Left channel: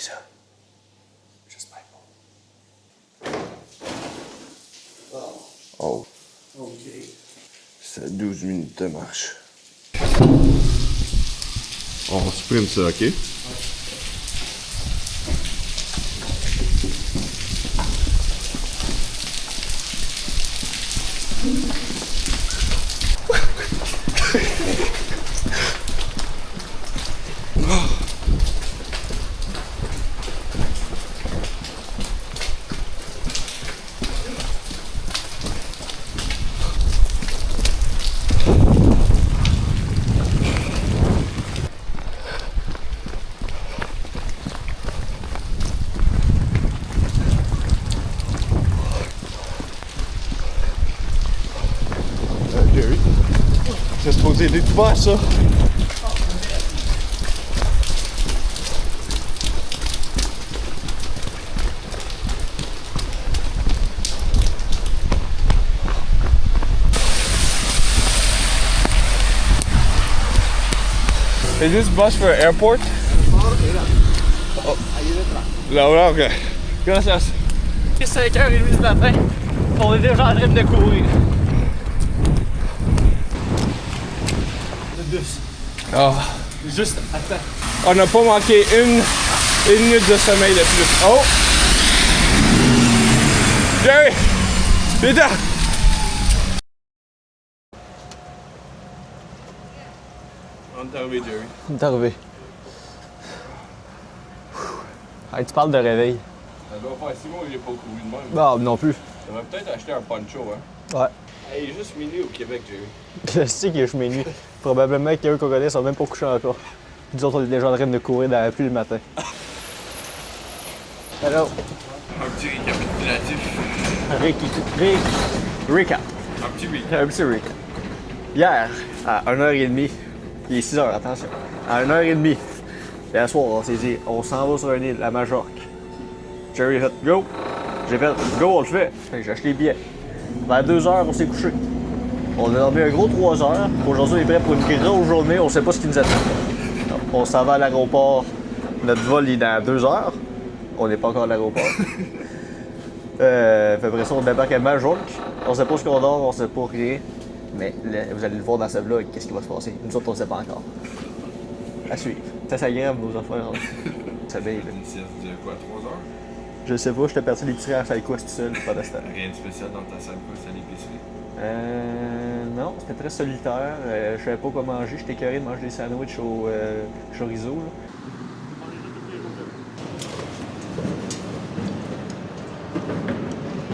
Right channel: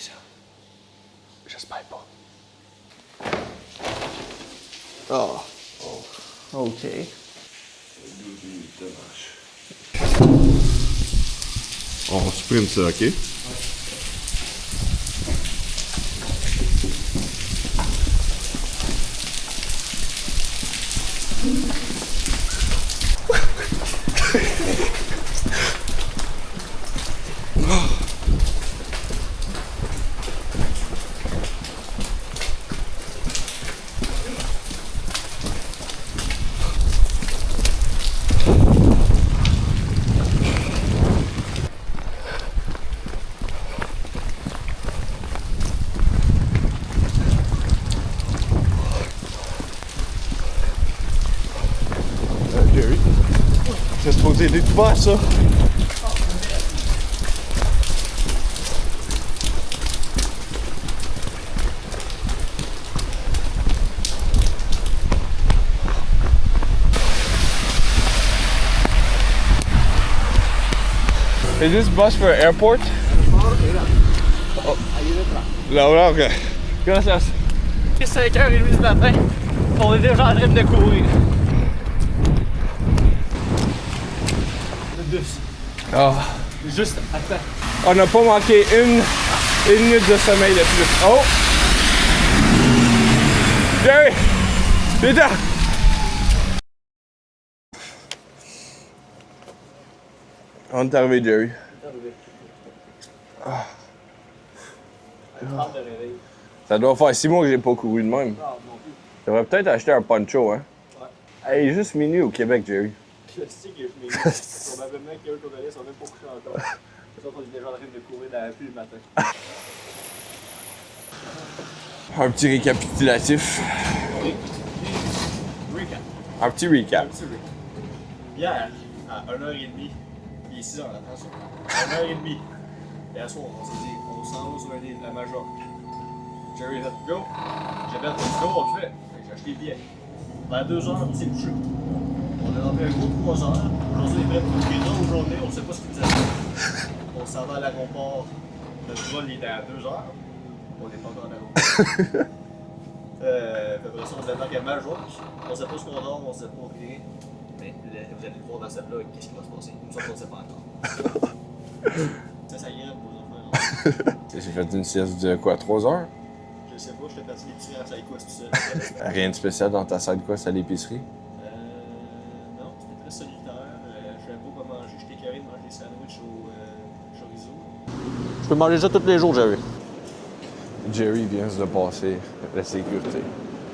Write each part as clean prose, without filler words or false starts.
ça? J'espère pas. Ah, oh, OK. c'est 12 minutes de marche. On supprime ça, OK? Jerry, c'est supposé être ouvert, ça? Is this bus for airport? Oh. Là, ok. Gracias. Il est 5h30 du matin. On est déjà en train de courir. Le bus. Ah. Juste, attends. On n'a pas manqué une minute de sommeil de plus. Oh! Jerry! Viens là! On est arrivé, Jerry. On est arrivé. Hey, tu parles de réveil. Ça doit faire 6 mois que j'ai pas couru de même. Non, non plus. J'aurais peut-être acheté un poncho, hein? Ouais. Hey, il est juste minuit au Québec, Jerry. Je sais qu'il est chemin nu. Probablement qu'il y a un qu'on connaît, ils sont même pas couchés encore. Nous autres, on est déjà en train de courir dans la pluie le matin. Hello. Un petit récapitulatif. Recap. Un petit recap. Un petit recap. Hier, à 1h30, il est 6h, attention. À 1h30, hier soir, on s'est dit, on s'en va sur une île, la Majorque. Jerry a fait go. J'ai fait go, on le fait. Fait que j'ai acheté les billets. Vers 2h, on s'est couché. On a dormi un gros 3 heures. Aujourd'hui, on est prêt pour une grosse journée. On sait pas ce qui nous attend. On s'en va à l'aéroport. Notre vol est dans 2 heures. On n'est pas encore à l'aéroport. Après ça, on débarque à Majorque. On sait pas ce qu'on dort, on sait pas rien. Mais là, vous allez le voir dans ce vlog, qu'est-ce qui va se passer. Nous autres, on ne sait pas encore. À suivre. C'est agréable, nos affaires. J'ai fait une sieste de quoi, 3 heures? Je sais pas, j'étais parti l'épicerie à side quest tout seul. Rien de spécial dans ta side quest à l'épicerie? Non, c'était très solitaire. Je savais pas quoi manger. J'étais écœuré de manger des sandwichs au chorizo. Là. Je peux manger ça tous les jours, Jerry. Jerry vient de passer la sécurité.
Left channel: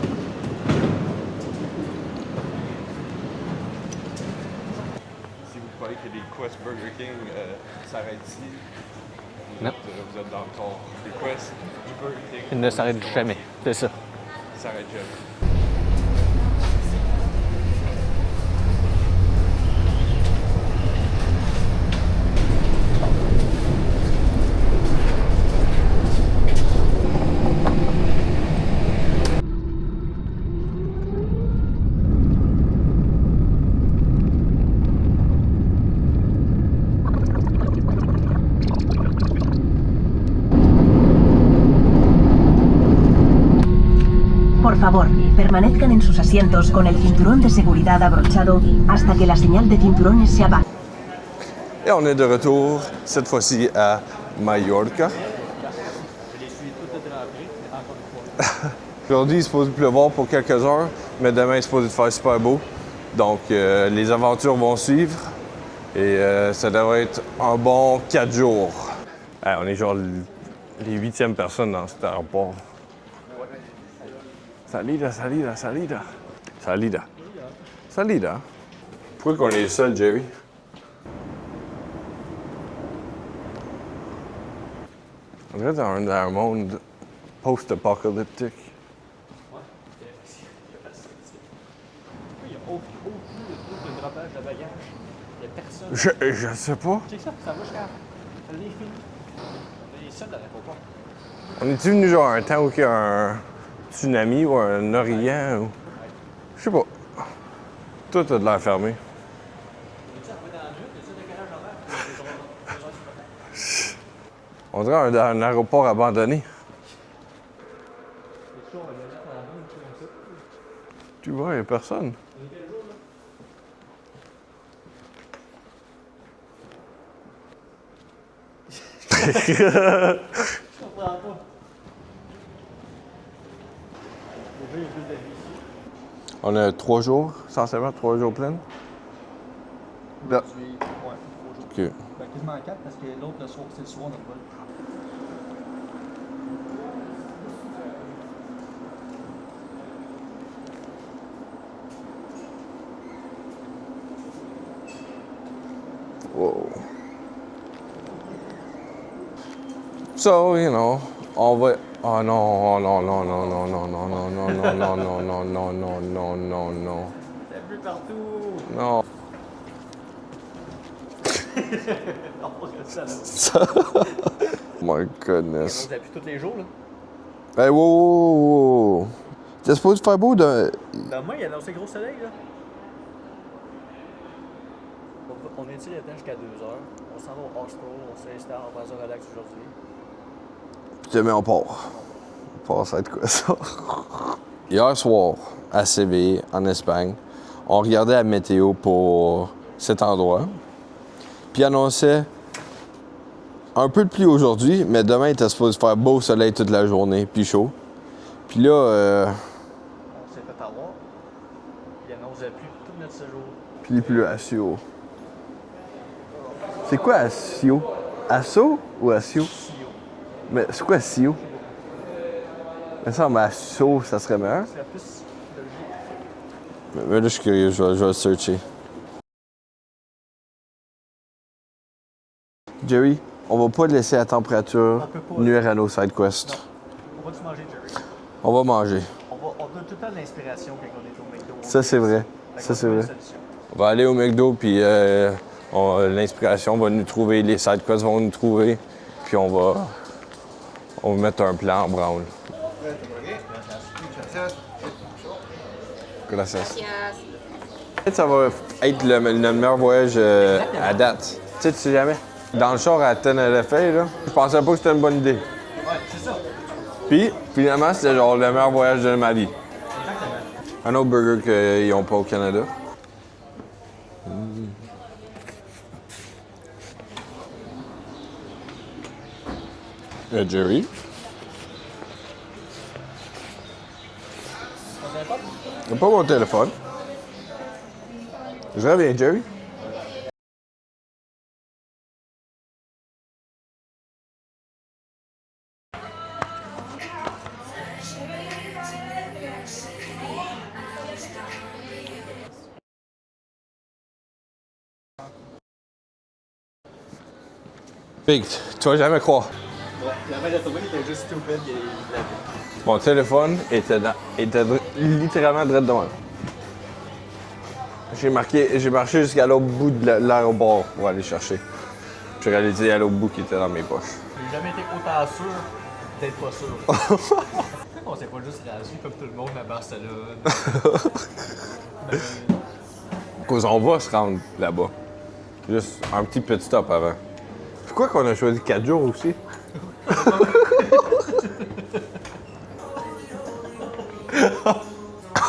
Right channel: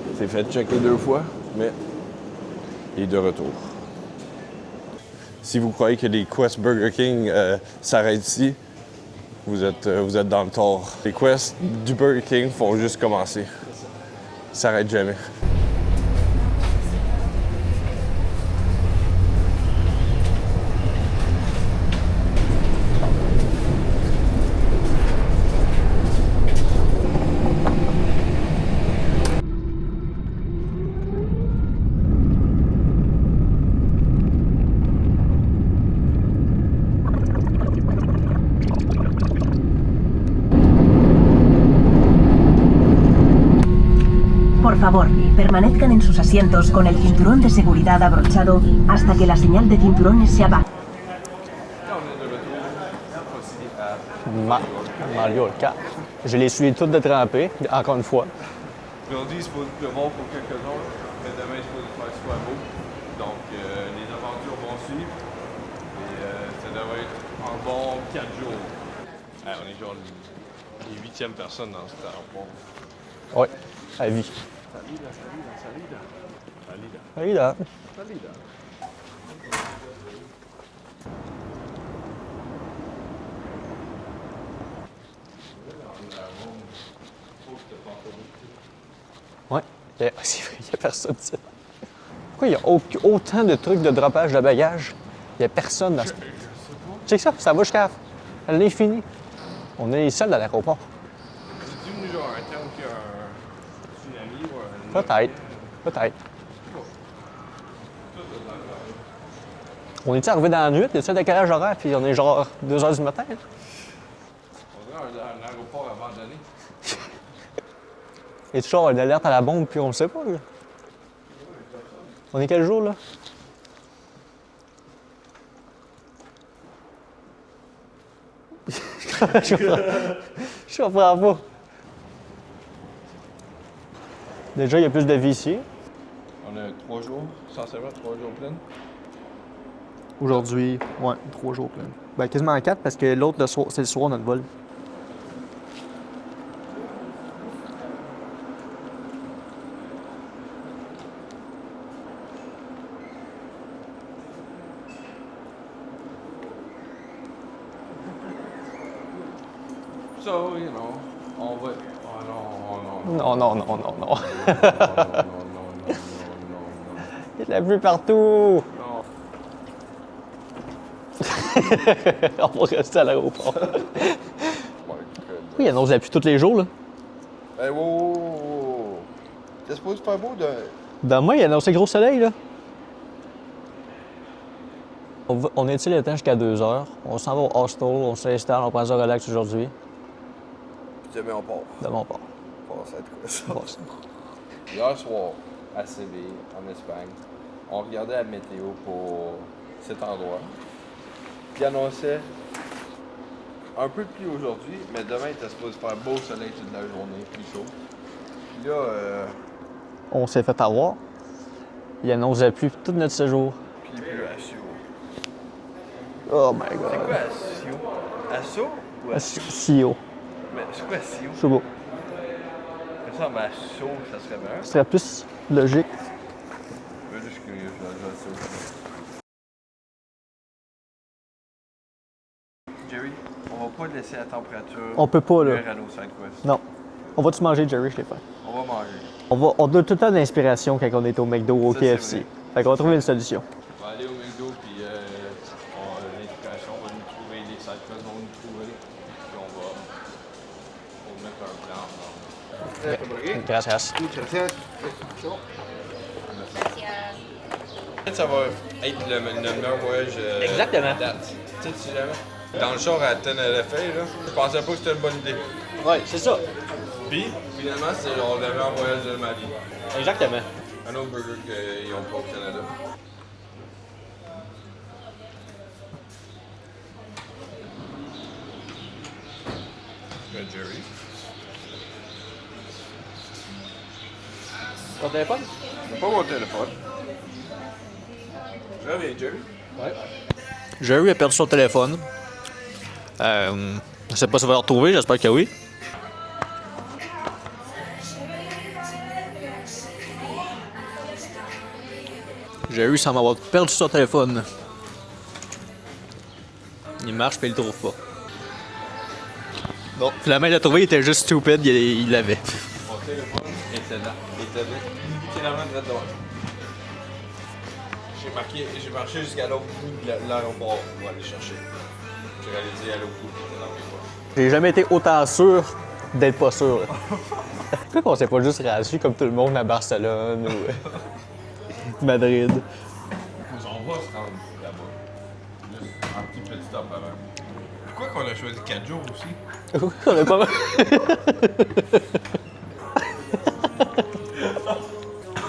Il s'est fait checker 2 fois, mais il est de retour. Si vous croyez que les quests Burger King s'arrêtent ici, vous êtes dans le tort. Les quests du Burger King font juste commencer. C'est ça. Ils s'arrêtent jamais. Por favor, permanezcan en sus asientos con el cinturón de seguridad abrochado hasta que la señal de cinturones se apague. Et on est de retour, cette fois-ci à Mallorca. Mallorca. Je les suis toutes de tremper, encore une fois. Aujourd'hui, il est supposé pleuvoir pour quelques heures, mais demain, il est supposé faire super beau. Donc, les aventures vont suivre et ça devrait être un bon 4 jours. Hey, on est genre les 8e personnes dans cet aéroport. Oui, à vie. Salida. Hey là. Salida. Pourquoi qu'on est seul, Jerry? On est dans un monde post-apocalyptique. Oui, c'est vrai, il n'y a personne ici. Pourquoi il y a autant de trucs de dropage de bagages? Il n'y a personne. Je sais pas. Tu sais que ça va jusqu'à l'infini. On est les seuls à l'aéroport. On est-tu venu genre un temps où il y a un tsunami ou un origan? Ou... Peut-être. Je sais pas. Tout a de l'air fermé. On est-tu arrivé dans la nuit? Y a-tu un décalage horaire? Puis on est genre 2 h du matin? On dirait un aéroport abandonné. Et toujours une alerte à la bombe, puis on le sait pas, là. Tu vois, il n'y a personne. On est quel jour, là? Je comprends pas. Déjà, il y a plus de vie ici. On a 3 jours, essentiellement 3 jours pleins. Aujourd'hui, ouais, 3 jours. OK. Ben, quasiment 4 parce que l'autre, c'est le soir, notre vol. Wow. So, you know, on va... Oh non, non, non, non, non, non, non, non, non, non, non, non, non, non. Il y a de la pluie partout! Non. On va rester à l'aéroport. My Il goodness. annonce la pluie tous les jours, là. Hey, wow, wow, wow. T'es supposé faire beau de... Demain, il annonce le gros soleil, là. On étire le temps jusqu'à 2 heures. On s'en va au hostel, on s'installe, on prend ça relax aujourd'hui. Puis demain, on part. Demain, on part. On part, ça va être quoi, ça? Hier soir, à Séville, en Espagne, on regardait la météo pour cet endroit. Puis il annonçait un peu de pluie aujourd'hui, mais demain, il était supposé faire beau soleil toute la journée, puis chaud. Puis là, On s'est fait avoir. Il annonce la pluie tout notre séjour. puis il pleut à Sio. Oh my god. C'est quoi à Sio? Asso ou à Sio? CEO. Mais c'est quoi Sio? C'est beau. Il me semble à Sio, ça serait meilleur. Ce serait plus logique. Mais là, je suis curieux, je vais le searcher. Jerry, on va pas laisser la température On peut pas, là. nuire à nos side quests. Non. On va-tu manger, Jerry? Je sais pas. On va manger. On donne tout le temps de l'inspiration quand on est au McDo ou au Ça, KFC. c'est vrai. Fait Ça, qu'on va c'est trouver une vrai. solution. On va aller au McDo, puis l'inspiration va nous trouver, les side quests vont nous trouver, puis on va mettre un plan en brown. Gracias. Gracias. Peut-être ça va être notre meilleur voyage à date. Tu sais jamais. Dans le char à Tenerife, là, je pensais pas que c'était une bonne idée. Ouais, c'est ça. Puis, finalement, c'était genre le meilleur voyage de ma vie. Exactement. Un autre burger qu'ils n'ont pas au Canada. Jerry. Ton téléphone? C'est pas mon téléphone. Je reviens, Jerry. Jerry a perdu son téléphone. Je sais pas si on va le retrouver, j'espère que oui. Jerry semble avoir perdu son téléphone. Il marche, mais il le trouve pas. Big, tu vas jamais croire. Bon, finalement, il l'a trouvé, il était juste stupide, il l'avait. Mon téléphone était littéralement direct devant. J'ai marché jusqu'à l'autre bout de l'aéroport pour aller chercher. J'ai réalisé à l'autre bout qu'il était dans mes poches. J'ai jamais été autant sûr d'être pas sûr. Pourquoi qu'on s'est pas juste rassis comme tout le monde à Barcelone ou Madrid? Cause on va se rendre là-bas. Juste un petit pit stop avant. Pourquoi qu'on a choisi 4 jours aussi? On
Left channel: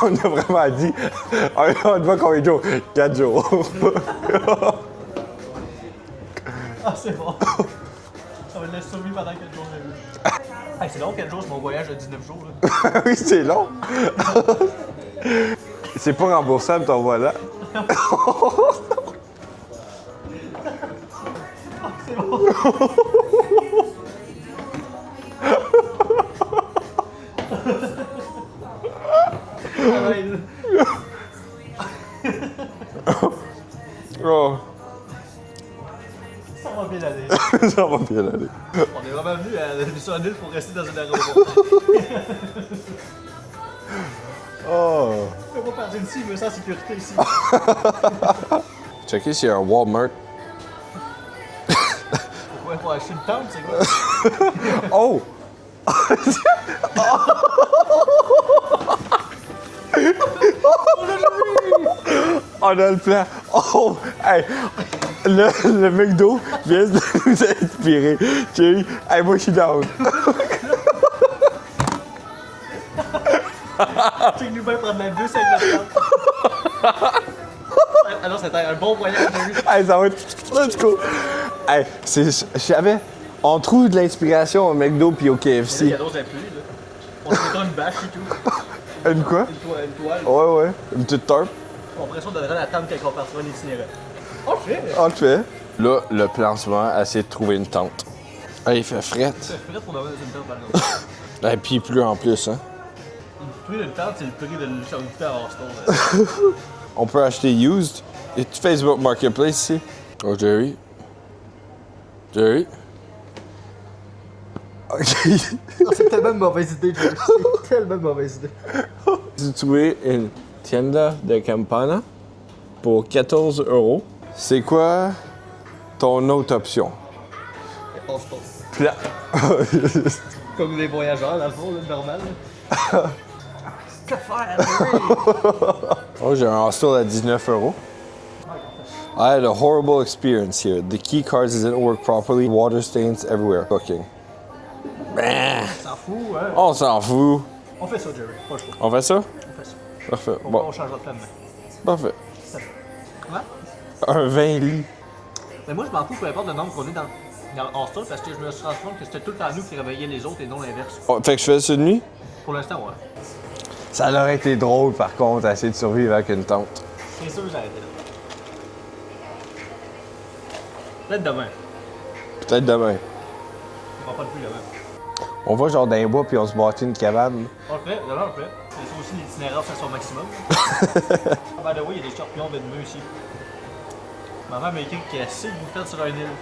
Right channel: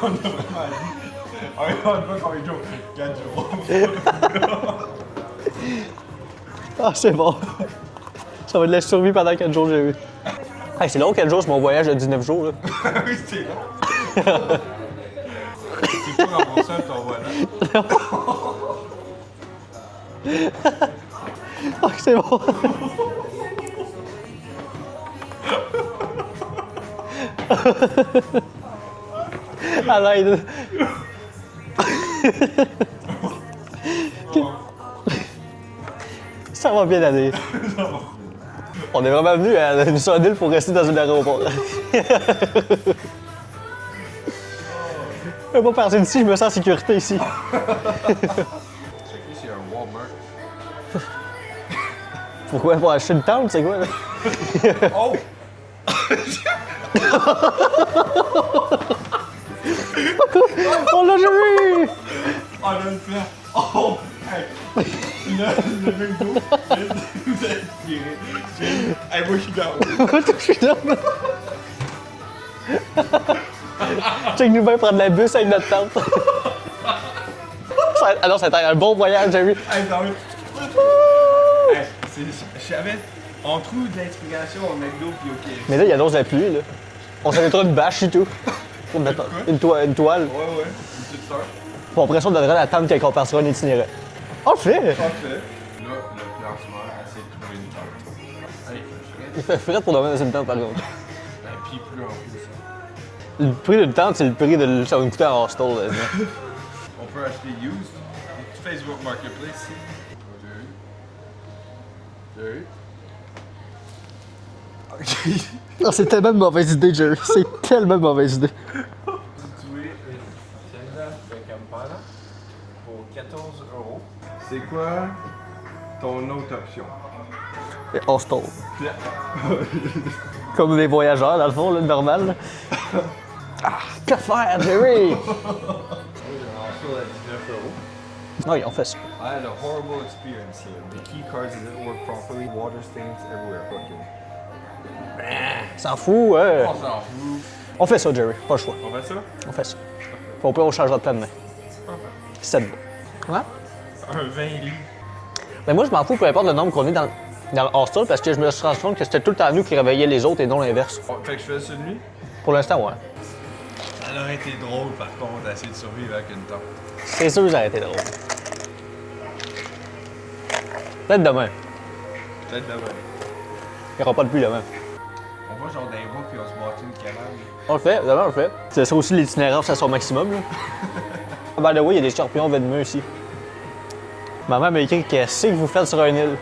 a vraiment dit, on va combien de jours? 4 jours. Ah, c'est bon. Ça va être de la survie pendant 4 jours, j'ai vu. Hey, c'est long, 4 jours, c'est mon voyage de 19 jours. Là. Oui, c'est long. C'est pas remboursable ton voilà. Ah, c'est bon. Arrête. Oh, Ça va bien aller. ça va bien aller. On est vraiment venu à une seule île pour rester dans un aéroport. Oh. Je peux pas partir d'ici, je me sens en sécurité ici. Checker s'il y a un Walmart. Pourquoi pour acheter une tente, c'est quoi? Oh! On l'a jamais vu! On a le plan. Oh! Hey, le McDo vient de nous inspirer. Jay, hey, moi, je suis down. Check-nous bien prendre la bus avec notre tante. Ah non, ça a été un bon voyage, Jerry. Hey, ça va être... Let's go. Hey, je savais, on trouve de l'inspiration au McDo puis au KFC. Mais là, il y a d'autres applis, là. On s'en mettra une bâche et tout. Une quoi? Une toile. Ouais. Une petite tarp. Puis après ça, on donnerait la tente quand on passera un itinéraire. On le fait! On le fait. Là, le plan en ce moment, essayer de trouver une tente. Hey, il fait frais. Il fait frais pour dormir dans une tente, par exemple. Et puis il pleut en plus, hein. Le prix d'une tente, c'est le prix de sur une en hostel. Là. On peut acheter used. Et tu Facebook Marketplace ici? Oh, Jerry. Jerry? OK. Oh, c'est tellement une mauvaise idée, Jerry. C'est tellement une mauvaise idée. J'ai trouvé une tienda de Campana pour 14 €. C'est quoi ton autre option? Hostel. Comme les voyageurs, dans le fond, là, normal. Là. Que faire, Jerry? Oh, j'ai un hostel à 19 €. Oui, on fait ça. I had a horrible experience here. The key cards didn't work properly. Water stains everywhere. Booking. S'en fout, ouais. On s'en fout. On fait ça, Jerry. Pas le choix. On fait ça? On fait ça. Parfait. Au pire, on changera de plan demain. Parfait. C'est bon. Ouais? Un 20 lits. Mais moi, je m'en fous, peu importe le nombre qu'on est dans le hostel, parce que je me suis rendu compte que c'était tout le temps nous qui réveillions les autres et non l'inverse. Oh, fait que je fais ça de nuit? Pour l'instant, ouais. Ça aurait été drôle, par contre, à essayer de survivre avec une tente. C'est sûr que ça aurait été drôle. Peut-être demain. Peut-être demain. Il n'y aura pas de pluie demain. On va genre dans les bois puis on se bâtit une cabane. On le fait, demain on le fait. C'est ça aussi l'itinéraire, c'est à son maximum. Là. By the way, il y a des scorpions venimeux ici. Maman m'a écrit qu'est-ce que vous faites sur une île.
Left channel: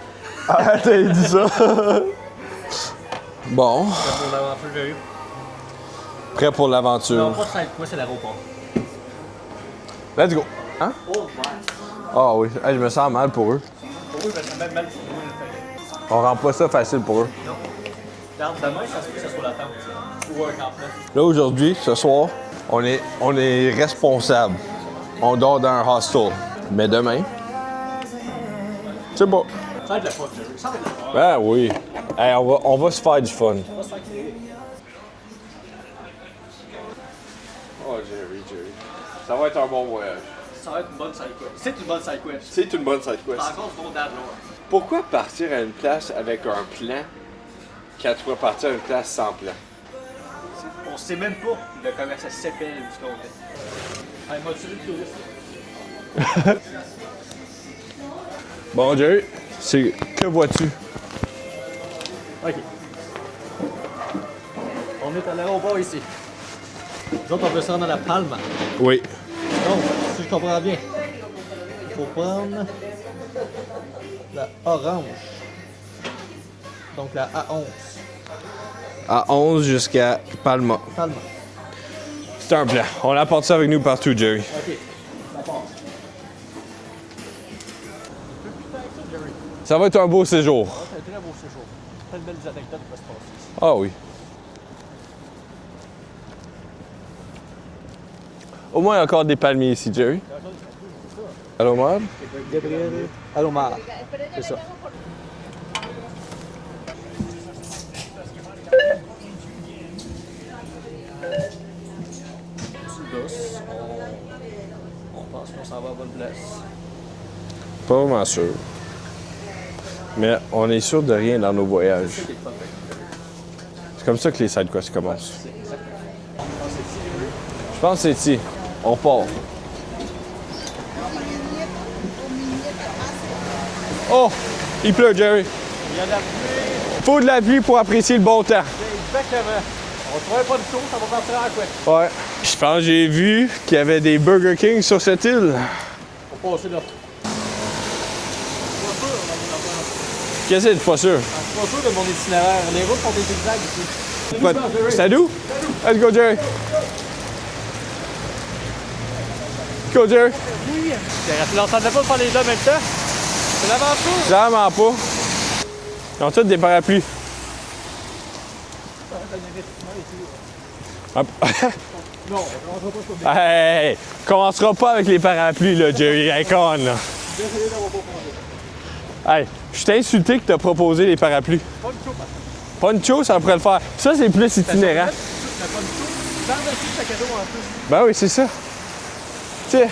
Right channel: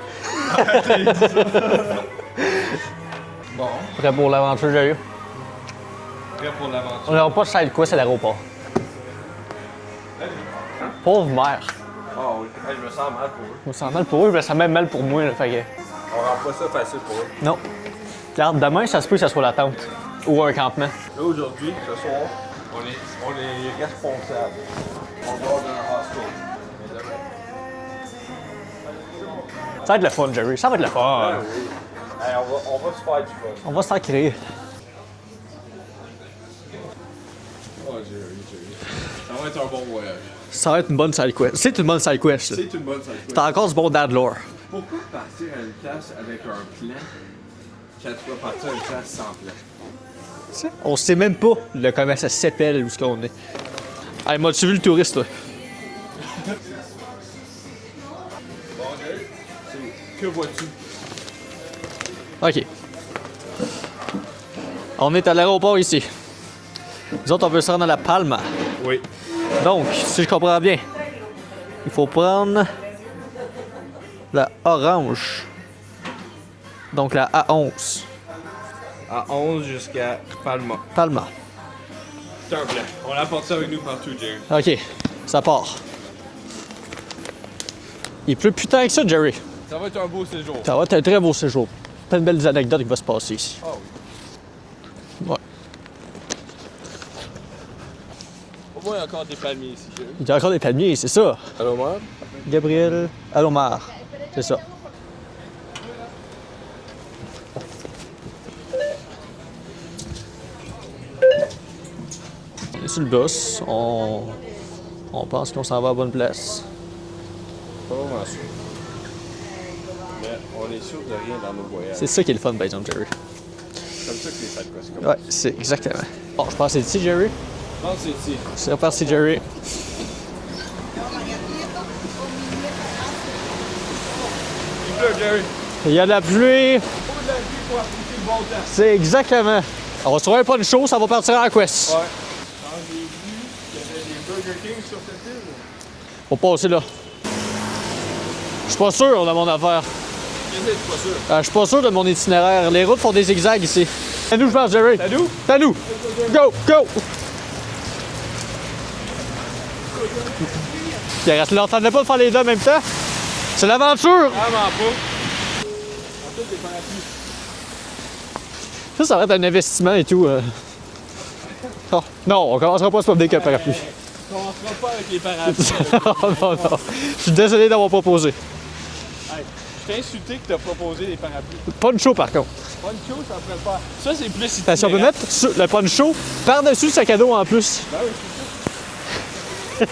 T'as dit ça? Bon, Prêt pour l'aventure, j'ai eu. prêt pour On n'a l'aventure. pas side quest à l'aéroport. Let's go. Hein? Pauvre mère. Ah oui, hey, je me sens mal pour eux. Je me sens mal pour eux, je me sens même mal pour moi. Là, fait que... On rend pas ça facile pour eux. Non. Regarde, demain, ça se peut que ça soit la tente. Ou un campement. Là, aujourd'hui, ce soir, on est responsable. On dort dans un hostel. Mais demain, c'est bon. Ça va être le fun, Jerry. Ça va être le fun. Ah oui. Hey, on va se faire du fun. On va se faire créer. Oh, Jerry. Ça va être un bon voyage. Ça va être une bonne side quest. C'est une bonne side quest. C'est une bonne side quest. T'as encore ce bon dad lore. Pourquoi partir à une place avec un plan quand tu vas partir à une place sans plan? On sait même pas comment ça s'appelle où ce qu'on est. Hey, m'as-tu vu le touriste, là? Bon, Jerry, c'est... Que vois-tu? OK. On est à l'aéroport ici. Nous autres, on veut se rendre à la Palma. Oui. Donc, si je comprends bien, il faut prendre la orange. Donc la A11. À 11 jusqu'à Palma. Palma. C'est un plan. On apporte ça avec nous partout, Jerry. OK, ça part. Il pleut putain avec ça, Jerry. Ça va être un beau séjour. Ça va être un très beau séjour. Plein de belles anecdotes qui vont se passer ici. Ah oui. Ouais. Au moins, il y a encore des palmiers ici, Jerry. Il y a encore des palmiers, c'est ça. Allô, Mar? Gabriel Alomar. C'est ça. Et sur le bus, on pense qu'on s'en va à la bonne place. Pas vraiment sûr. Mais on est sûr de rien dans nos voyages. C'est ça qui est le fun, par exemple, Jerry. comme ça que les side quests Ouais, commencent. c'est exactement. Bon, je pense que c'est ici, Jerry. Je pense que c'est ici. C'est reparti, On part. Jerry. Oh! Il pleut, Jerry. Il y a de la pluie. Faut de la pluie pour apprécier le bon temps. C'est exactement. On va se trouver un pas de chaud, ça va partir en quest. Ouais. Je pense que j'ai vu qu'il y avait des Burger King sur cette île. Faut passer là. Je suis pas sûr de mon affaire. Qu'est-ce que t'es pas sûr? Je suis pas sûr de mon itinéraire. Les routes font des zigzags ici. C'est nous, je pense, Jerry. C'est à nous? C'est à nous. Let's go, Jerry. Go, go! Go, Jerry. Tu l'entendais pas de faire les deux en même temps? C'est l'aventure! Vraiment pas. Ils ont tous des parapluies. Ça va être un investissement et tout. Non, on commencera pas à se promener avec un parapluie. Hey, commencera pas avec les parapluies, là, Jerry. Hey, come on, là. Je suis désolé d'avoir proposé. Hey, je t'ai insulté que t'as proposé les parapluies. Poncho, par contre. Poncho, ça pourrait le faire. Ça, c'est plus Ça peut itinérant. mettre le poncho par-dessus le sac à dos en plus. Ben oui, c'est ça. Tu sais,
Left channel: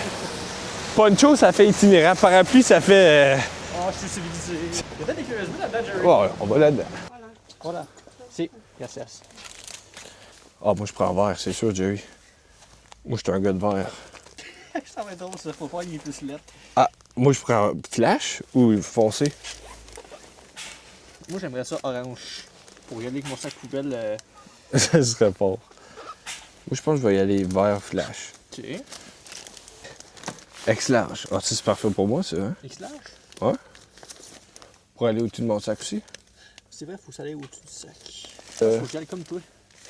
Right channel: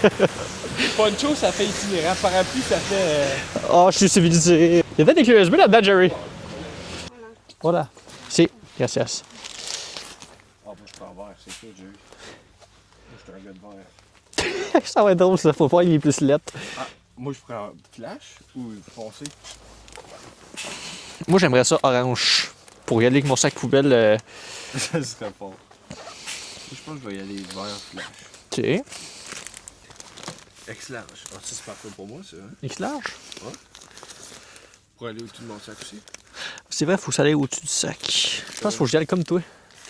poncho, ça fait itinérant. Parapluie, ça fait... Oh, je suis civilisé. Il y a peut-être des clés USB là-dedans, Jerry. Ouais, on va là-dedans. Voilà. Si, gracias. Ah, moi, je prends vert, c'est sûr, Jerry. Moi, je suis un gars de vert. Ça va être drôle, ça. Faut pas qu'il est plus lettre. Ah, moi, je prends flash ou foncé? Moi, j'aimerais ça orange. Pour y aller avec mon sac poubelle. Ça serait fort. Moi, je pense que je vais y aller vert flash. OK. X large. Ah, ça, c'est parfait pour moi, ça. Hein? X large. Ouais. Pour aller au-dessus de mon sac aussi. C'est vrai, faut que ça aille au-dessus du sac. Je pense qu'il faut que j'y aille comme toi.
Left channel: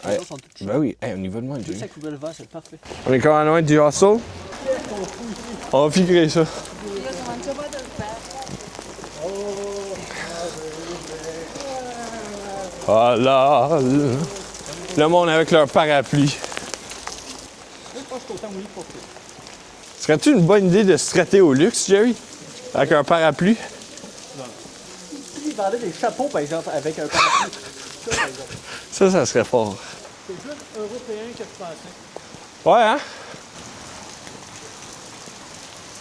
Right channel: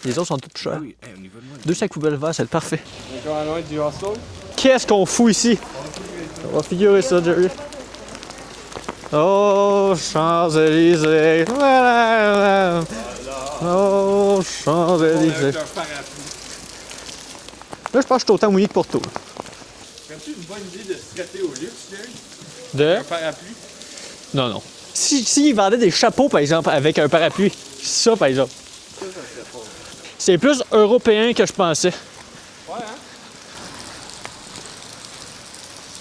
Les autres sont tous chers. Ben oui, hey, au niveau de moi. Deux sacs poubelles verts, c'est parfait. On est quand même loin du hustle. Qu'est-ce qu'on fout ici? On va figurer ça. On va figurer ça, Jerry. Oh, Champs-Élysées. Voilà. Oh, Champs-Élysées. Le monde avec leur parapluie. Là, je pense que je suis autant mouillé que pour toi. Serais-tu une bonne idée de se traiter au luxe, Jerry? Avec un parapluie? Non, non. S'ils vendaient des chapeaux, par exemple, avec un parapluie, ça, par exemple. Ça serait fort. C'est plus européen que je pensais. Ouais, hein?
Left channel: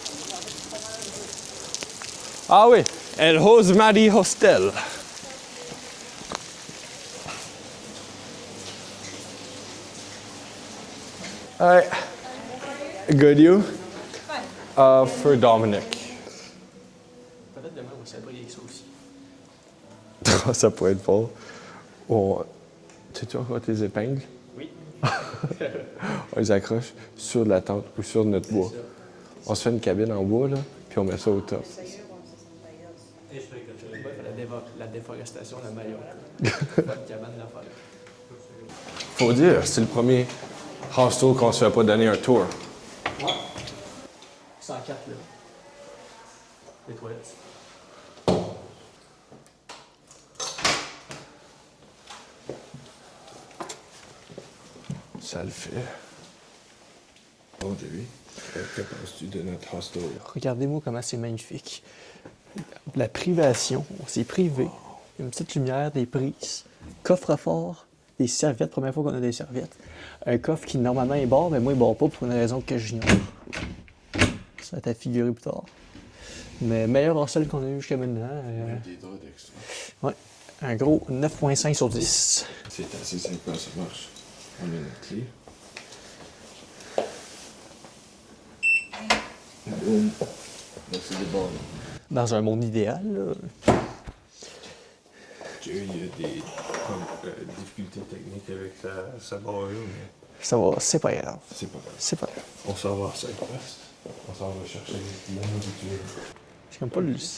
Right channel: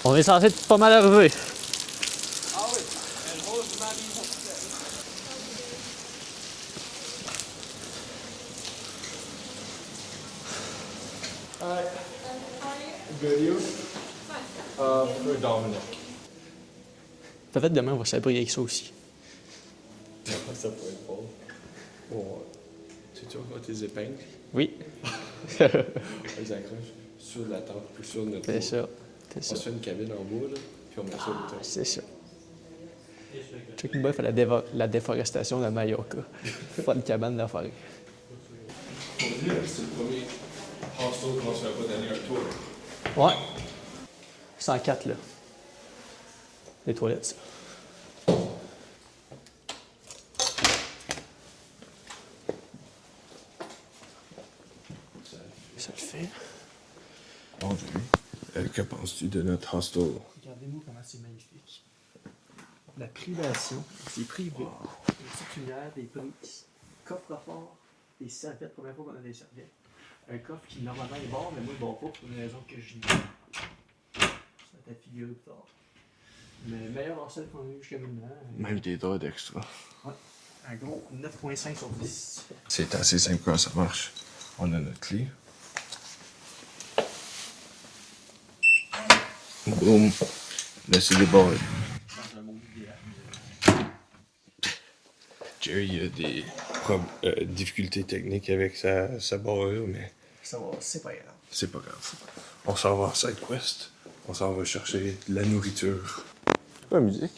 On est censé être pas mal arrivé. Ah oui, El Rosemary Hostel. Alright. Good you? For Dominic. Peut-être demain, on va s'abrouiller avec ça aussi. Ça pourrait être fort. Sais-tu encore tes épingles? Oui. On les accroche sur la tente ou sur notre C'est bois. ça. On se fait une cabine en bois, là, puis on met ça au top. C'est ça. Check une fait la déforestation de Mallorca. Pas de cabane de la forêt. Faut dire, c'est le premier hostel qu'on se fait pas donner un tour. Ouais. 104, là. Les toilettes. Ça le fait. Ça le fait. Bon, Jerry, que penses-tu de notre hostel? Regardez-moi comment c'est magnifique. La privation, on s'est privé. Une petite lumière, des prises, coffre-fort, des serviettes, première fois qu'on a des serviettes. Un coffre qui normalement est bord, mais moi il bord pas pour une raison que j'ignore. Ça va être figuré plus tard. Mais meilleur hostel qu'on a eu jusqu'à maintenant. Même des draps d'extra. Ouais. Un gros 9.5 sur 10. C'est assez simple quand ça marche. On a notre clé. Boum. Là, c'est des barres. Dans un monde idéal, là. Jerry, il y a des difficultés techniques avec sa barrure, mais Ça va, c'est pas grave. c'est pas grave. C'est pas grave. On s'en va à SideQuest. On s'en va chercher de la nourriture. C'est comme pas Comme musique.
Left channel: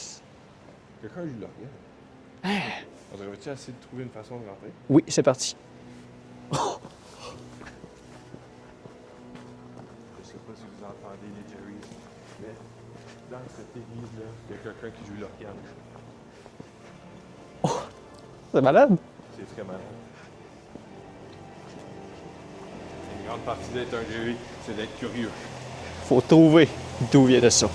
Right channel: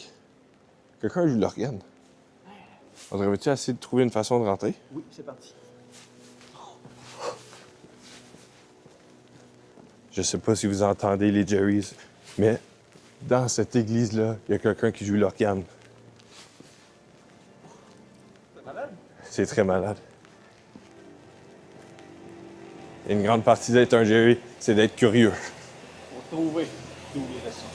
Quelqu'un joue l'organe. On devrait-tu essayer de trouver une façon de rentrer? Oui, c'est parti. Je sais pas si vous entendez les Jerrys, mais dans cette église-là, il y a quelqu'un qui joue l'organe. C'est malade. C'est très malade. Une grande partie d'être un Jerry, c'est d'être curieux. Faut trouver d'où vient de ça.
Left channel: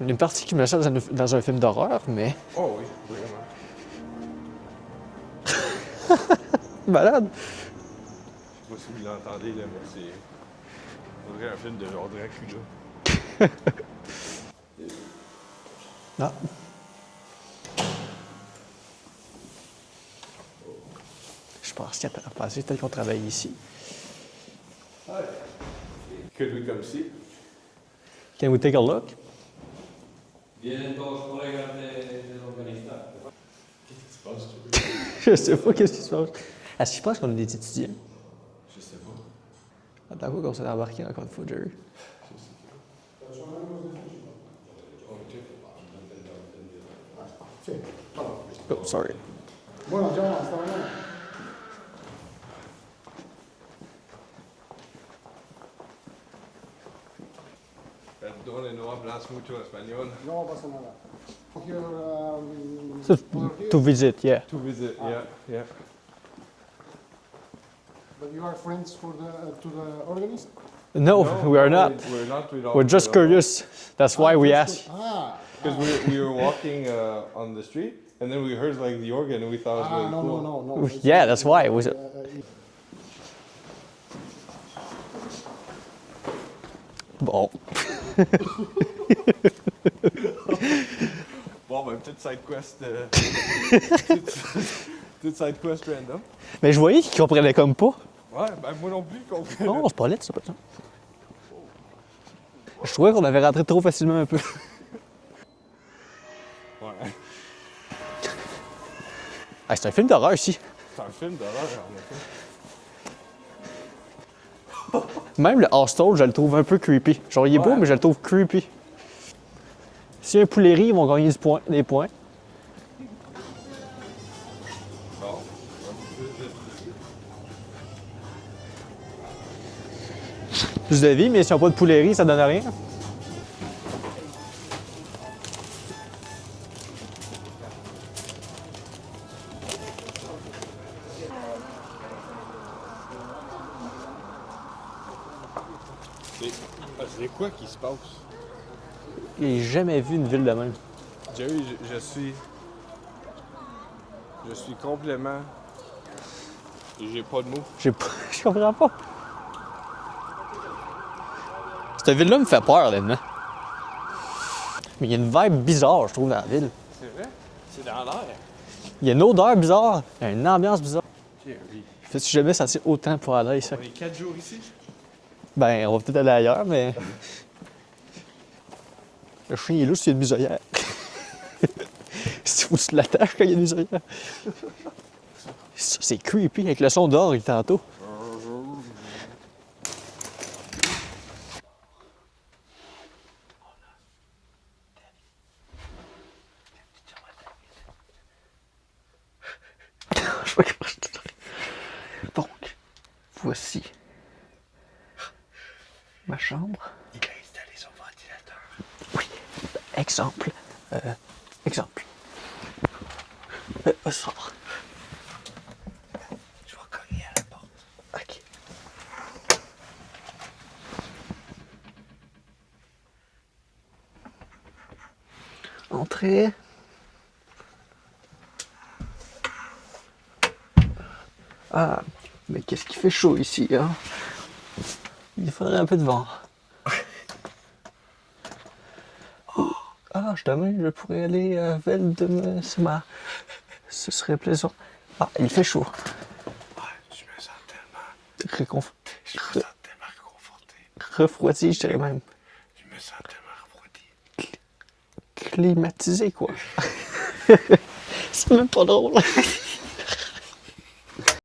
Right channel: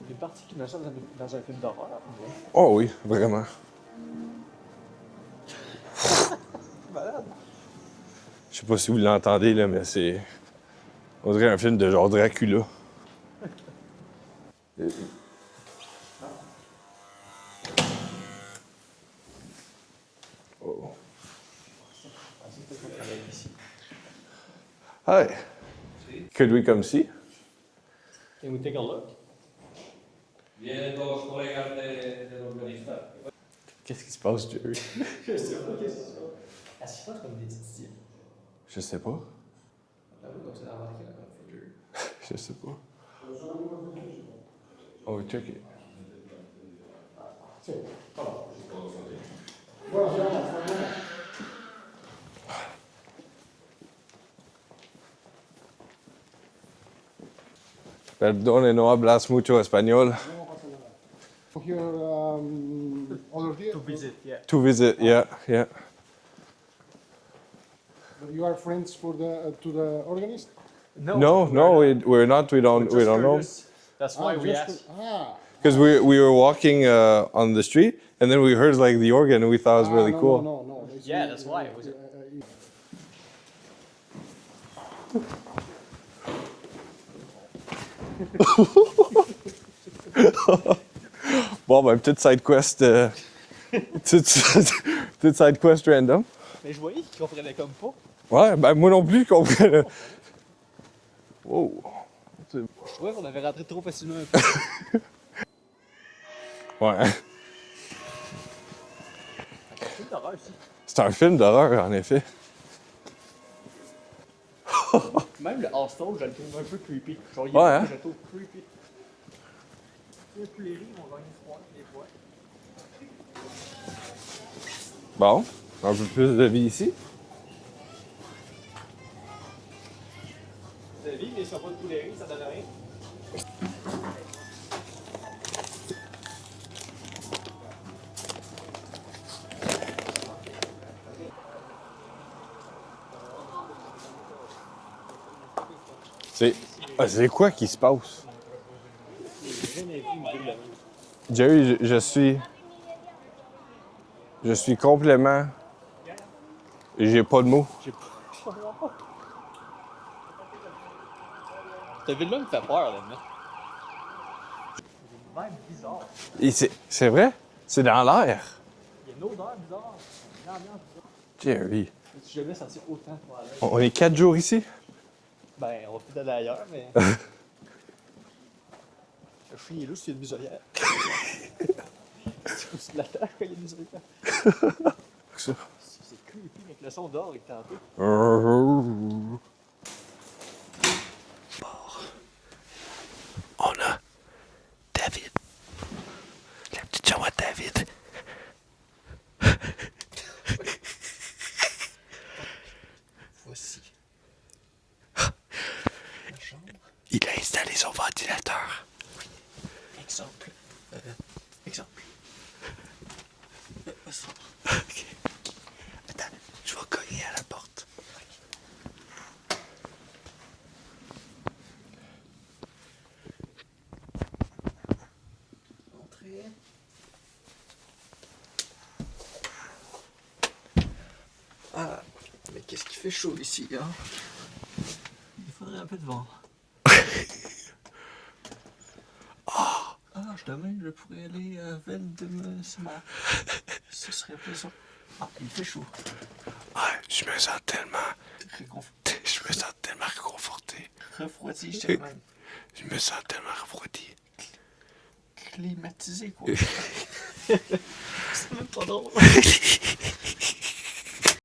Une partie qui me sert dans un film d'horreur, mais... Oh oui, vraiment. Malade. Je sais pas si vous l'entendez, là, mais c'est... On dirait un film de genre Dracula. Ah. Je pense qu'il y a à passer, peut-être qu'on travaille ici. Hey! Could we come see? Can we take a look? Qu'est-ce qui se passe, Jerry? Je sais pas qu'est-ce qui se passe. Est-ce que je pense qu'on a des étudiants? Je sais pas. Attends quoi qu'on s'est embarqué encore une fois, Jerry? Je sais pas. Oh, check it. Oh, sorry. Perdone, no hablas mucho español. No pasa nada. Here, over here. To visit, yeah. To visit, yeah, yeah. But you are friends for to the organist? No, we are not. We're not. We don't. We're just we don't know. curious. That's why we asked. Because we were walking on the street, and then we heard like the organ, and we thought it was really cool. No. Yeah, that's why. Was it? Bon. Bon, ben, petite side quest. Petite side quest random. Mais je voyais qu'ils comprenaient comme pas. Ouais, ben moi non plus, je comprends. Non, c'est pas lettre, ça, pas ça. Wow. Je trouvais qu'on avait rentré trop facilement un peu. Ouais. Ah, c'est un film d'horreur ici. C'est un film d'horreur, en effet. Même le hostel, je le trouve un peu creepy. Genre, il est Ouais, beau, hein? mais je le trouve creepy. S'il y a un poulet-riz, ils vont gagner des points. Bon, un peu plus de vie ici. Plus de vie, mais s'ils n'ont pas de poulet-riz, ça donne rien. C'est quoi qui se passe? J'ai jamais vu une ville de même. Jerry, je suis complètement... J'ai pas de mots. Je comprends pas. Cette ville-là me fait peur, là-dedans. Mais il y a une vibe bizarre, je trouve, dans la ville. C'est vrai? C'est dans l'air. Il y a une odeur bizarre, il y a une ambiance bizarre. Jerry. Je me suis jamais senti autant pour aller ici. On est 4 jours ici? Ben, on va peut-être aller ailleurs, mais... Le chien est louche s'il y a une muselière. Faut que tu l'attaches quand il y a une muselière. C'est creepy avec le son d'or tantôt. On a David. La petite chambre à David. Donc, voici ma chambre. Il a installé son ventilateur. Oui. Exemple. Exemple. Sors. Attends, je vais cogner à la porte. OK. Entrez. Ah, mais qu'est-ce qui fait chaud ici, hein? Il faudrait un peu de vent. Ah, je pourrais aller à Vel de Mesma. Ce serait plaisant. Ah, il fait chaud. Ouais, je me sens tellement réconforté. Refroidi, je dirais même. Je me sens tellement refroidi. Climatisé, quoi. C'est même pas drôle.